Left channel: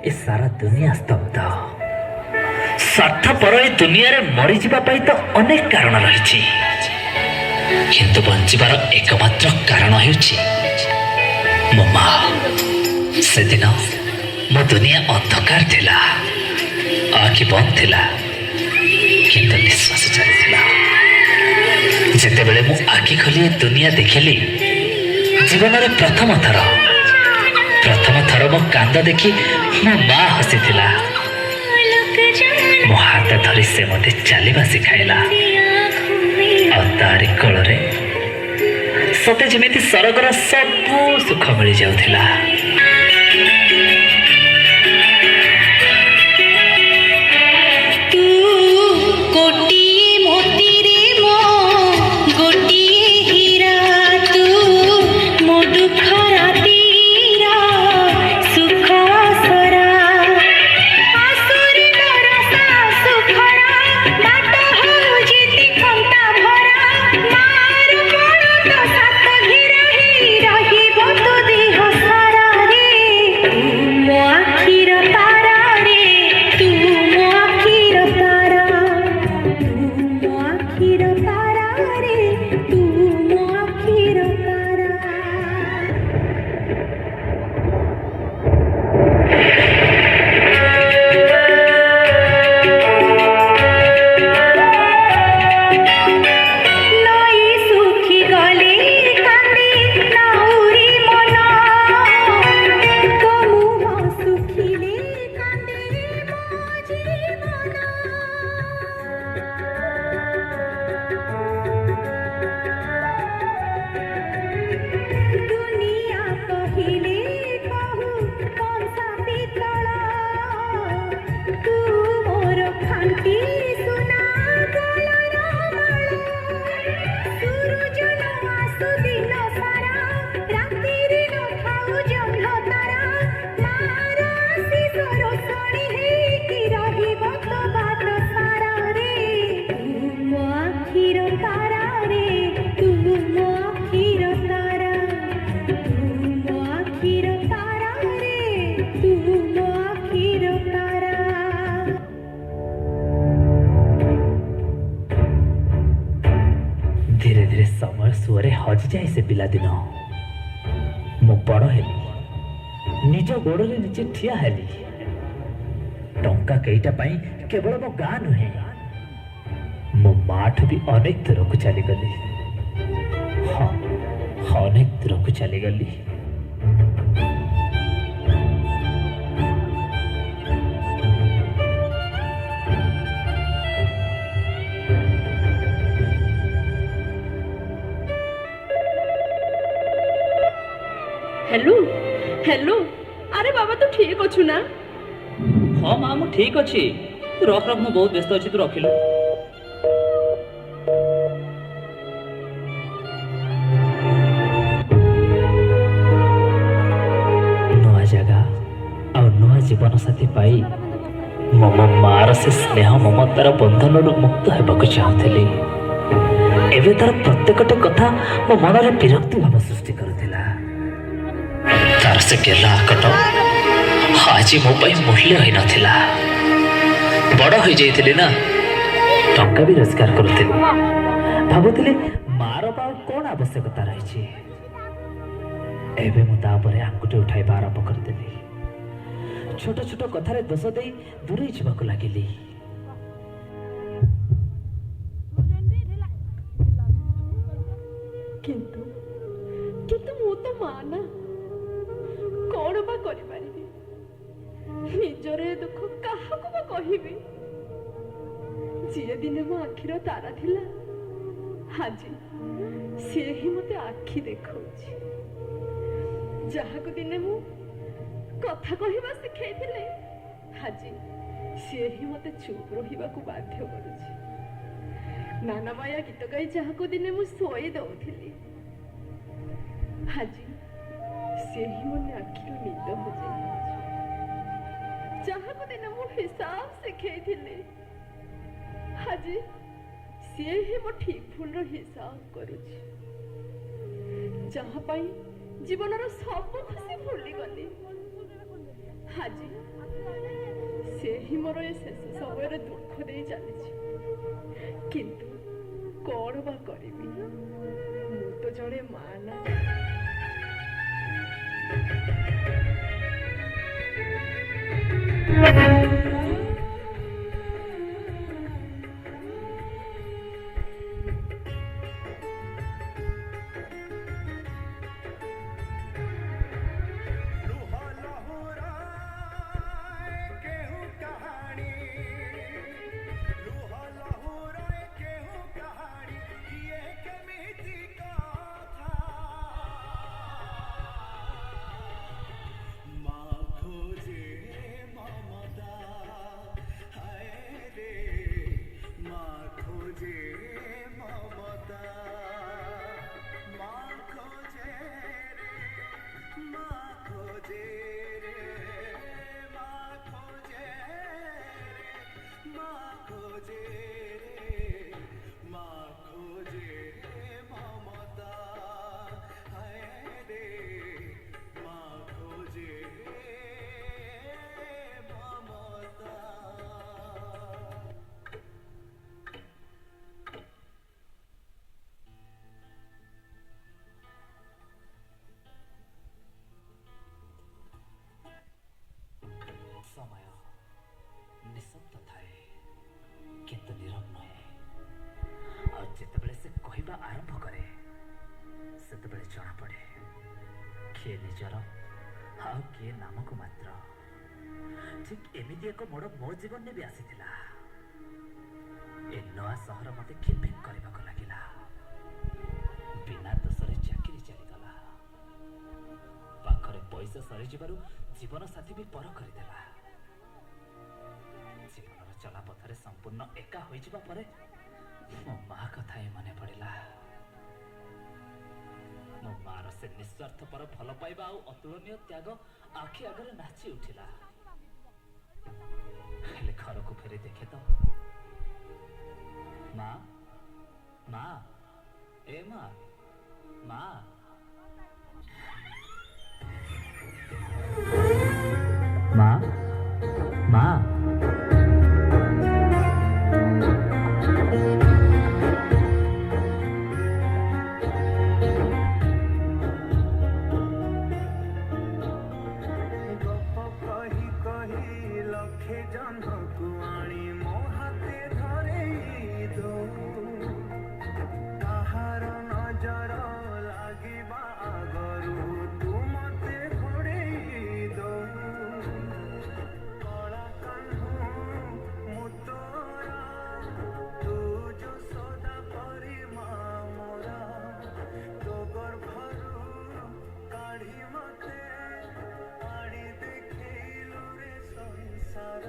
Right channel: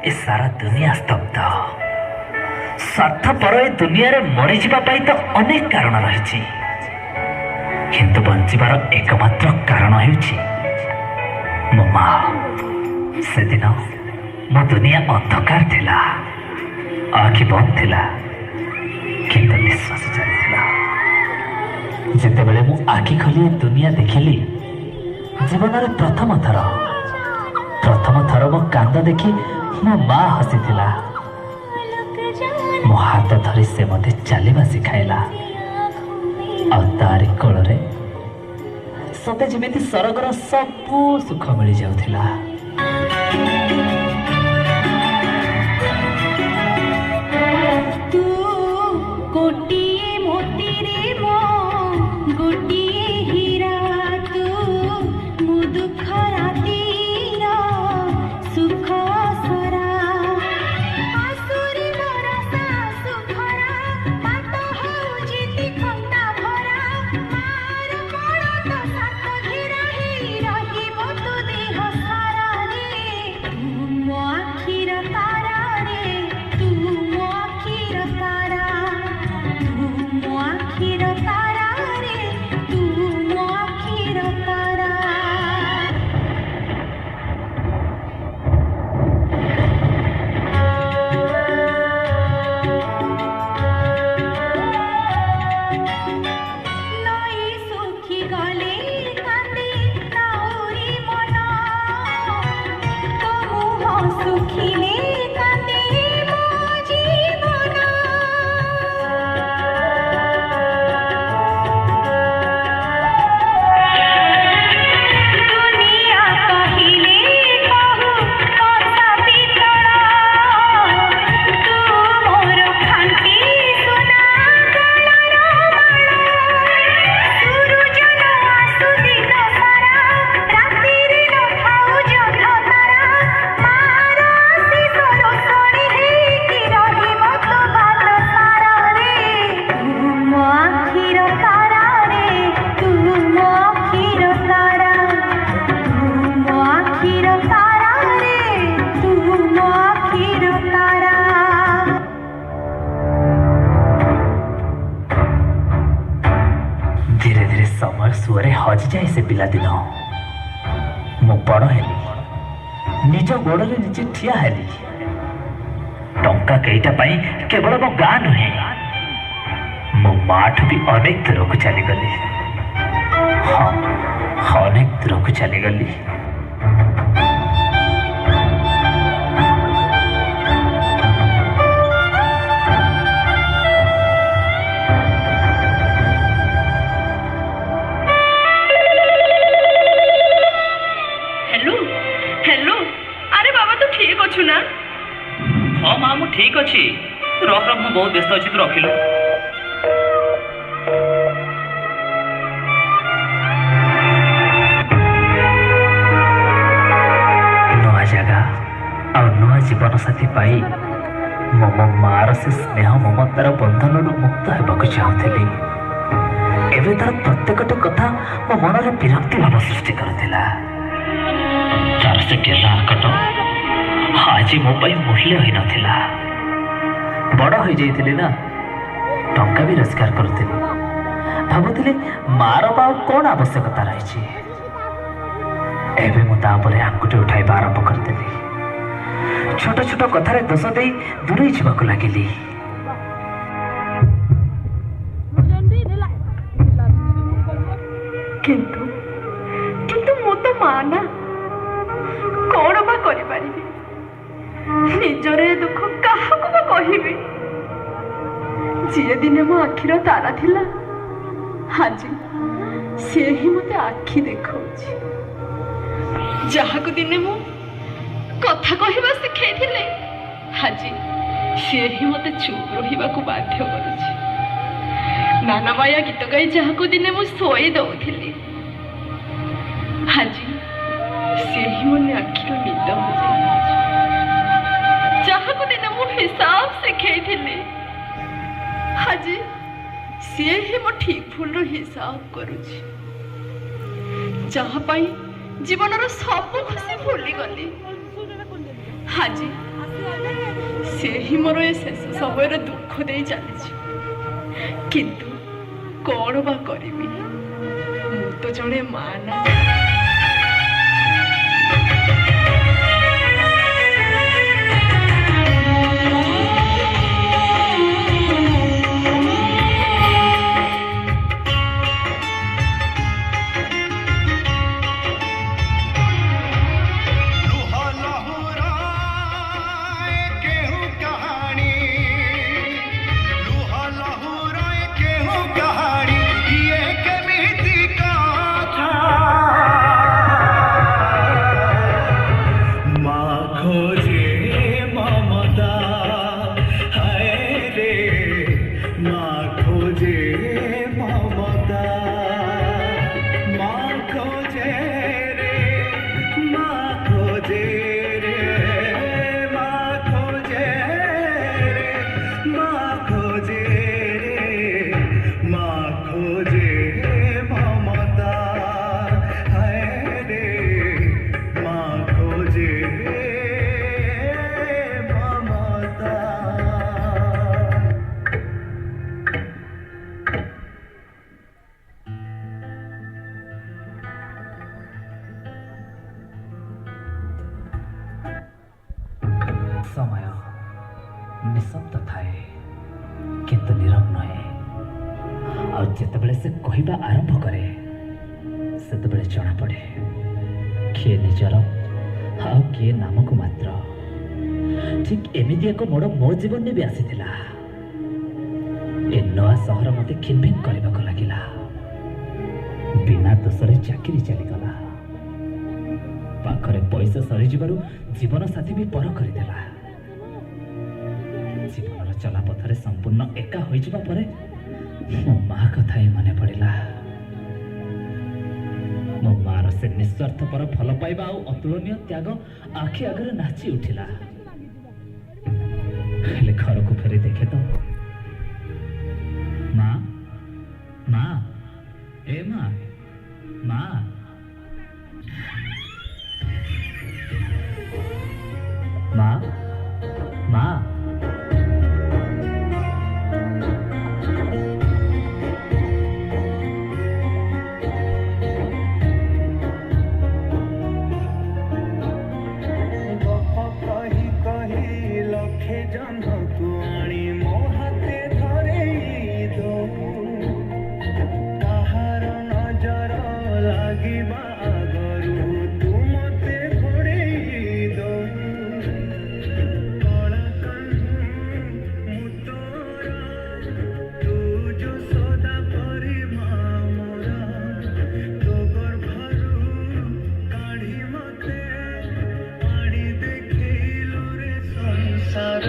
ए सारा दुनिया स्तब्ध। स्वार्थपर ए दुनिया रे मरी जिबा पई तो अनेक कारण रहिछि, किंतु बंचिबार एकमात्र कारण हेउछि मो माँ। से दिन मो दुनिया अंधकार थिला, आखि बंद थिला, किंतु निश्वास चलिथिला। जेतेबेले मु आखि खोली दुनिया देखिली, जीवन रे प्रथम थर मो कांद देखी मो माँ हसीथिला। मो हाथ धरी से मते चलिबा सिखाइला, और तारी कोଳରେ सते जेमिति सरगर सबु सुख मिली जाउथिला। धीरे धीरे समय सुअरे हजि जाए से पिला दिन। मु बड़ हेली, निज गोड़े निजे ठिया हेली। टंका केईटा पाई केवल मो गाँ नुहे, मो माठ भी अनेक दूर को चलीगली। हाँ, अनेक दूर को चलीगली। हेलो हेलो, अरे बाबा तू ठीक अच्छु ना? हाँ माँ मु ठीक अच्छी। रख रख, मु बहुत व्यस्त अच्छी, तू रखिलु। नुआ जगह और नुआ जीवन साथी पाई मो मार से स्नेह ममतार बंधन मुक्त होगा चाहूली। एवं तार प्रत्येकटी कथा मो मन में विरक्ति भाव सृष्टि करुला। तार से गेला कट आज मो मूल्य ही नथिला। बड़ हो जाइथिली ना, टंका भी रोजगार करुଥିଲି। भाबुଥିଲି मार पाव कौन आवश्यकता रही। एवं मु तापरे आंगुठी उठाइबा आरंभ करदेली। छोट छोट कथारे दोष दे दूरे जावाक लगिली। किंतु किंतु मु तो माना कौन बा करि पारिबी? निजरे दुख काहाको बा कहिबी? जे दिने मो आखिर तारा थिला, आज से ही मते आखि देखौछि। जहाको दिने मो कथा कहिबा सिखाई थिले, आज से ही मते चुप रहिबा को बाध्य करूछि। नाना माया गीत गाई जहाको दिने मु सोई दउथिली, आज से ही मोने आखिर निद हो जाइछि। जहाको दिने मु हिसाब सिखाई थिली, आज से ही मो ठीक भूल रो हिसाब करूछि। जहाँ पाई जीवन रो सब खुशी भूली गली, आज ସେ ହିଁ ମୋର ଏ ଶେଷ ସମୟରେ ଦୁଃଖ ଦେଇ ଚାଲିଛି। କିନ୍ତୁ କଣ ବା କରିବି, ମୁଁ ତ ଜଣେ ମା ନା। लुहा लहुरा केहू कहानी, लुहा लहुरा केहू कहानी, ये केमिति कथा माँ खोजे ममता, हाय रे माँ खोजे ममता, माँ खोजे रे, माँ खोजे रे, माँ खोजे रे, माँ खोजे रे, माँ खोजे ममता, हाय रे माँ खोजे ममता। ସମୟ ନିଶବ୍ଦ ଥାଏ କିନ୍ତୁ ନୀରବ ନୁହେଁ। ଆଉ ଯେତେବେଳେ ସେ କହିବା ଆରମ୍ଭ କରେ ସେତେବେଳେ ଜଣାପଡ଼େ କିଏ ନିଜର ଆଉ କିଏ ନାମକୁ ମାତ୍ର। ଠିକ୍ ଏମିତି ଏକ ମୋଡ଼ ମୋ ଜୀବନରେ ବି ଆସିଥିଲା। ଏ ନୂଆ ସହର ମୋତେ ଖିନଭିନ କରିବାକୁ ଲାଗିଲା। ବିନା ଦୋଷରେ ଚାକିରି ଚାଲିଗଲା। ପାଖରେ ପଇସା ସରିଯିବାରୁ ଜୀବନସାଥୀ ବି ପର କରିଦେଲା। ଜୀବନର ଚଲାପଥରେ ସମ୍ପୂର୍ଣ୍ଣ ଏକା ହୋଇଯିବା ପରେ ମୋ ମା କଥା ହିଁ ମନେ ପଡ଼ିଲା। ମୋ ମାର ସେ ନିସ୍ୱାର୍ଥପର ଭଲ ପାଇବା ଆଉ ଅତୁଳନୀୟ ତ୍ୟାଗ ଆଖି ଆଗରେ ନାଚି ଉଠିଲା। ହେଲେ ଘରକୁ ଫେରି ଦେଖେ ତ, ମା ମା ଏ ମା ମା ମା ମା ଗପ କହି କହି ଲକ୍ଷେ ଜହ୍ନକୁ ଆଣି ମୋ ହାତେ ଧରେଇ ଦଉ, କାହାର ନଜର ଲାଗିବା ଆଗରୁ ତୁ ମତେ ଘୋଡ଼େଇ ଦଉ। କଳା କାହ୍ନୁ ମୁଁ ତୋର, ତୁ ଯଶୋଦା ପରି ମା ମୋରା, ତୋ ଗର୍ଭରୁ କାଢ଼ି ମତେ ଆଣି ଦେଖେଇଲୁ ରେ ସଂସାର।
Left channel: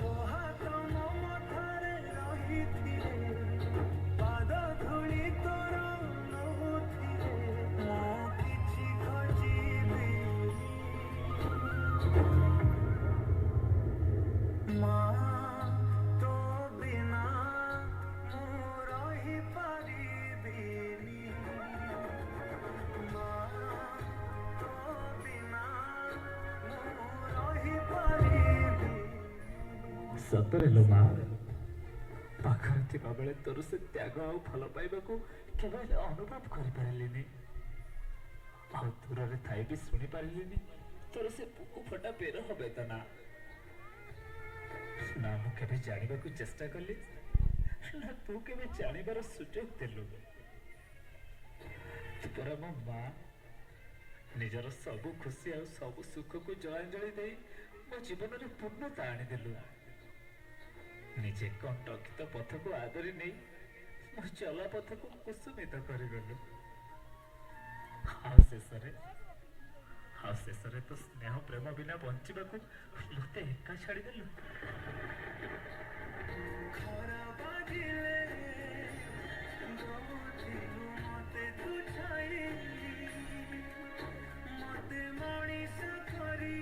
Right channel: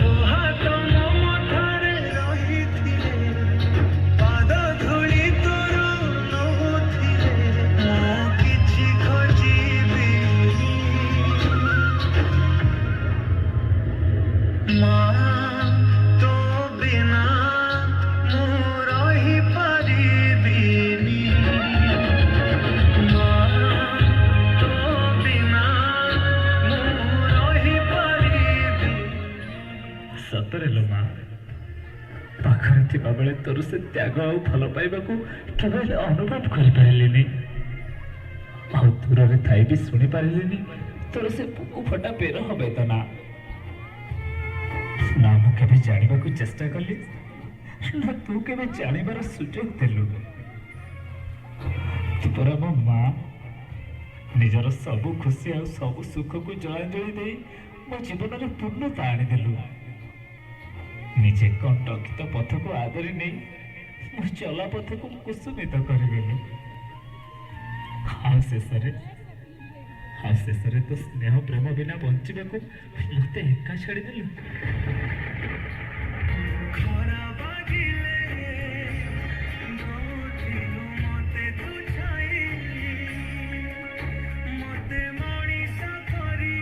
ତୋ ହାତ ମୋ ମଥାରେ ରହିଥିଲେ, ପାଦ ଧୂଳି ତୋର ନଉଥିଲେ, ମୁଁ କିଛି ଖୋଜିବିନି। ମା ତୋ ବିନା ମୁଁ ରହିପାରିବିନି। ମା ତୋ ବିନା ମୁଁ ରହିପାରିବିନି। ସତରେ ଲୋ ମା, ପାଖରେ ଥିବାବେଳେ ତୋର ସେ ତ୍ୟାଗ ଆଉ ଭଲ ପାଇବାକୁ କେବେ ହେଲେ ଅନୁଭବ କରିପାରିଲିନି। ଆଉ ଦୂରରେ ଥାଇ ବି ଶୁଣିପାରିଲିନି ତୋର ସେ ବୁକୁ ଫଟା ପେରହ ବେଦନା। ନା ମୁଁ କେବେ ଜାଣିବାକୁ ଚେଷ୍ଟା କଲି, ନା ତୁ କେବେ ଜାଣିବାର ସୁଯୋଗ ଦେଲୁ। ତୁ ପରା ମୋ ମା, ନିଜର ସବୁ ଖୁସି ଆଉ ସବୁ ସୁଖକୁ ଜଳାଞ୍ଜଳି ଦେଇ ମୋ ଜୀବନରେ ପୂର୍ଣ୍ଣତା ଆଣିଦେଲୁ। ନିଜେ କଣ୍ଟକିତ ପଥକୁ ଆଦରି ନେଇ ମୋ ଚଲା ପଥକୁ କୁସୁମିତ କରିଗଲୁ। ଆଉ ଶେଷରେ ତ ସ୍ନେହ ପ୍ରେମ ବିନା ବଞ୍ଚିବାକୁ ମୋତେ ଏକା ଛାଡ଼ିଦେଲୁ। ଖରା ବାଜିଲେ ଦଉଥିଲୁ ମତେ ତୁ ଛାଇ, ମତେ ମଣିଷ କରି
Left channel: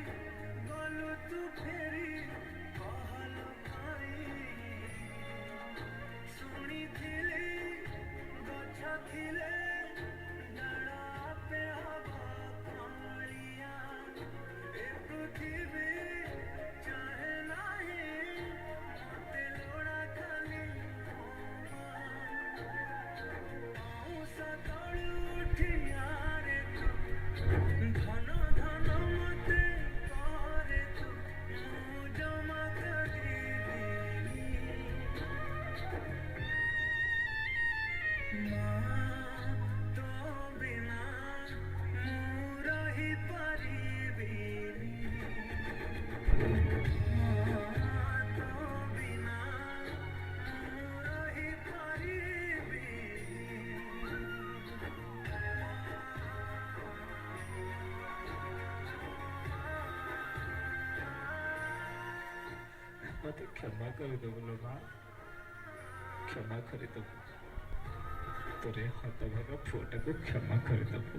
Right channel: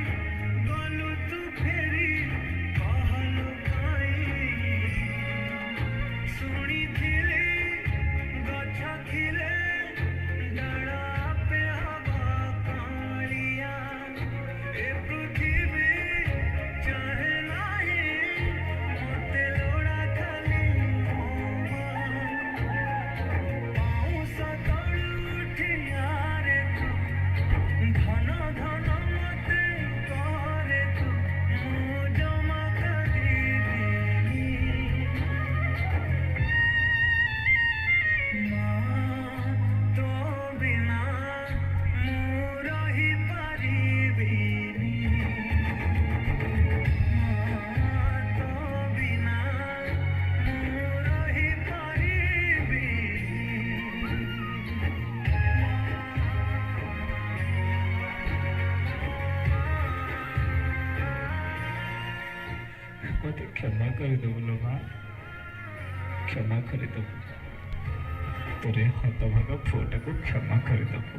ଗଲୁ ତୁ ଫେରି ପହଲୁ ଗାଇ। ଶୁଣିଥିଲି ଗଛ ଥିଲେ ଡାଳ ଆପେ ହବ କଅଁଳିଆ, ଏ ପୃଥିବୀ मत क्षमा करदेबु लो माँ क्षमा करदेबु तोरे हतभागा पुओटा को क्षमा करदेबु।